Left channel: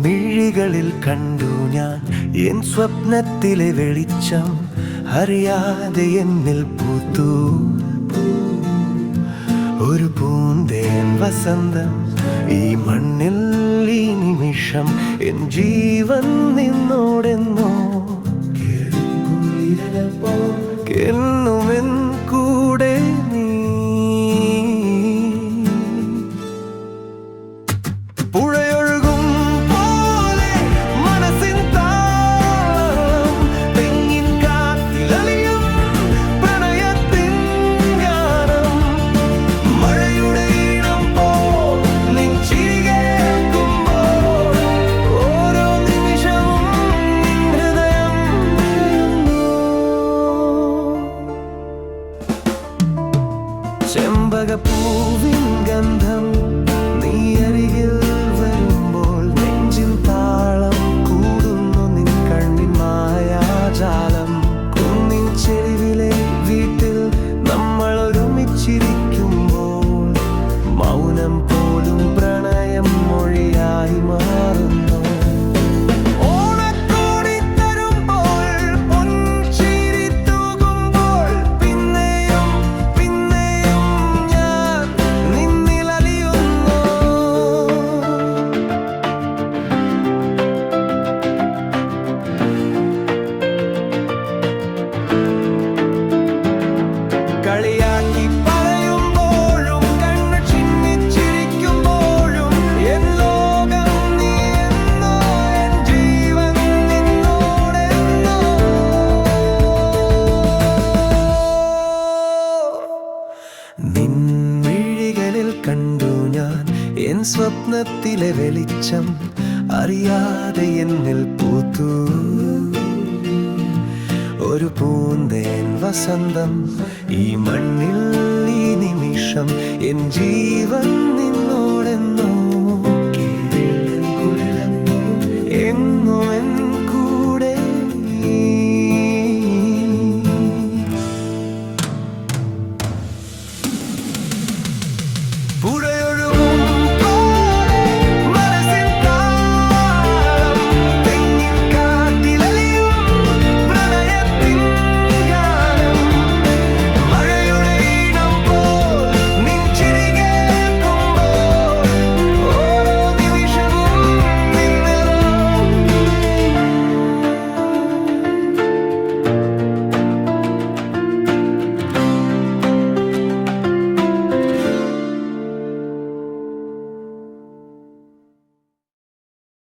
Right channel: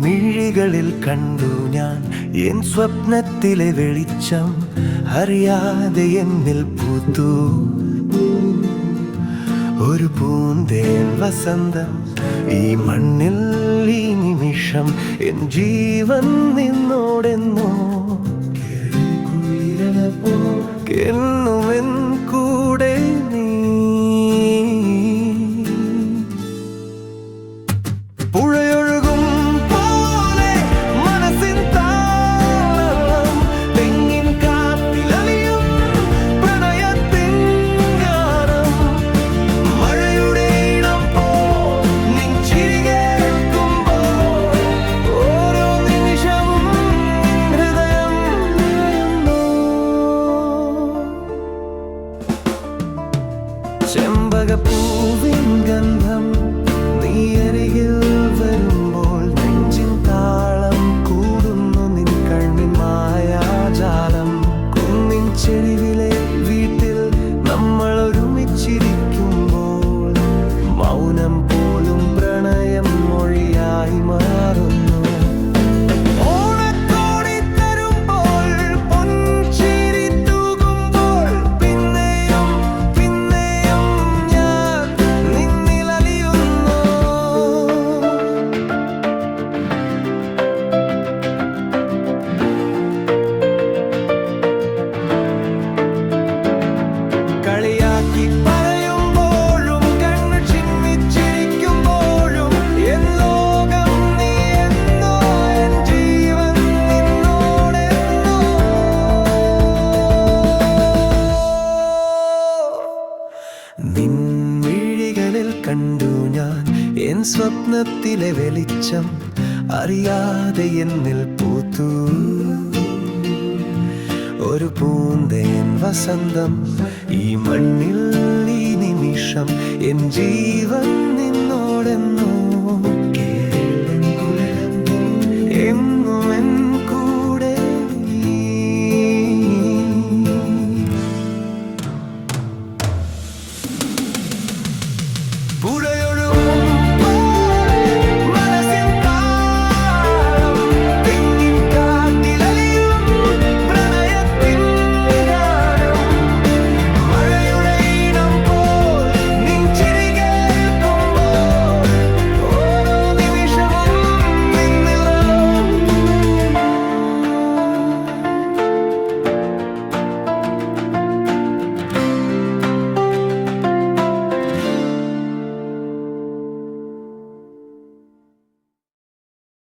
മിഴികളിൽ കണ്ടു ഞാൻ എൻ സ്വപ്നത്തിലെ വെളിച്ചം. അറിയാതെ എന്നിൽ പൂത്തു ഒരു പൂന്തേൻ വസന്തം. ഈ മണ്ണിൽ ഈ നിമിഷം എൻ ജീവൻ നിന്നോടെന്നോ എന്നുമെൻ കൂടെ നീ. പുഴയൊഴുകും പോലെ മനസ്സിൻ താളം, തെങ്ങിൻ കാറ്റിലലിയും പ്രണയത്തിൻ ഗാനം. മഴയുടെ ഇടം പോൽ നിൻ ചിരി കേൾക്കുമ്പോൾ ഓരോ നിമിഷവും നിൻ ഹൃദയം നിറയുന്നു. ചെമ്പകപ്പൂവിൻ ഗന്ധം നീ അരികിൽ വരുമ്പോൾ നെഞ്ചിൻ താളം കൂടുന്നു. നിൻ കണ്ണിൻ മായാജാലം. കുന്നിൻ ചെരിവിലെ വീട്ടിൽ നമ്മൾ ഒരുമിച്ചിരിക്കുമ്പോൾ മൗനം പോലും പ്രണയം മൊഴിയായി മാറുന്നു. കളിയാക്കി പറയുമ്പോഴും കണ്ണു ചിമ്മിച്ചിരിക്കുമ്പോഴും എൻ ലോകം നീ എന്നോ, എൻ ജീവൻ നിന്നോടെന്നോ. നിൻ മിഴികളിൽ കണ്ടു ഞാൻ എൻ സ്വപ്നത്തിലെ വെളിച്ചം. അറിയാതെ എന്നിൽ പൂത്തു ഒരു പൂന്തേൻ വസന്തം. ഈ മണ്ണിൽ ഈ നിമിഷം എൻ ജീവൻ നിന്നോടെന്നോ എന്നുമെൻ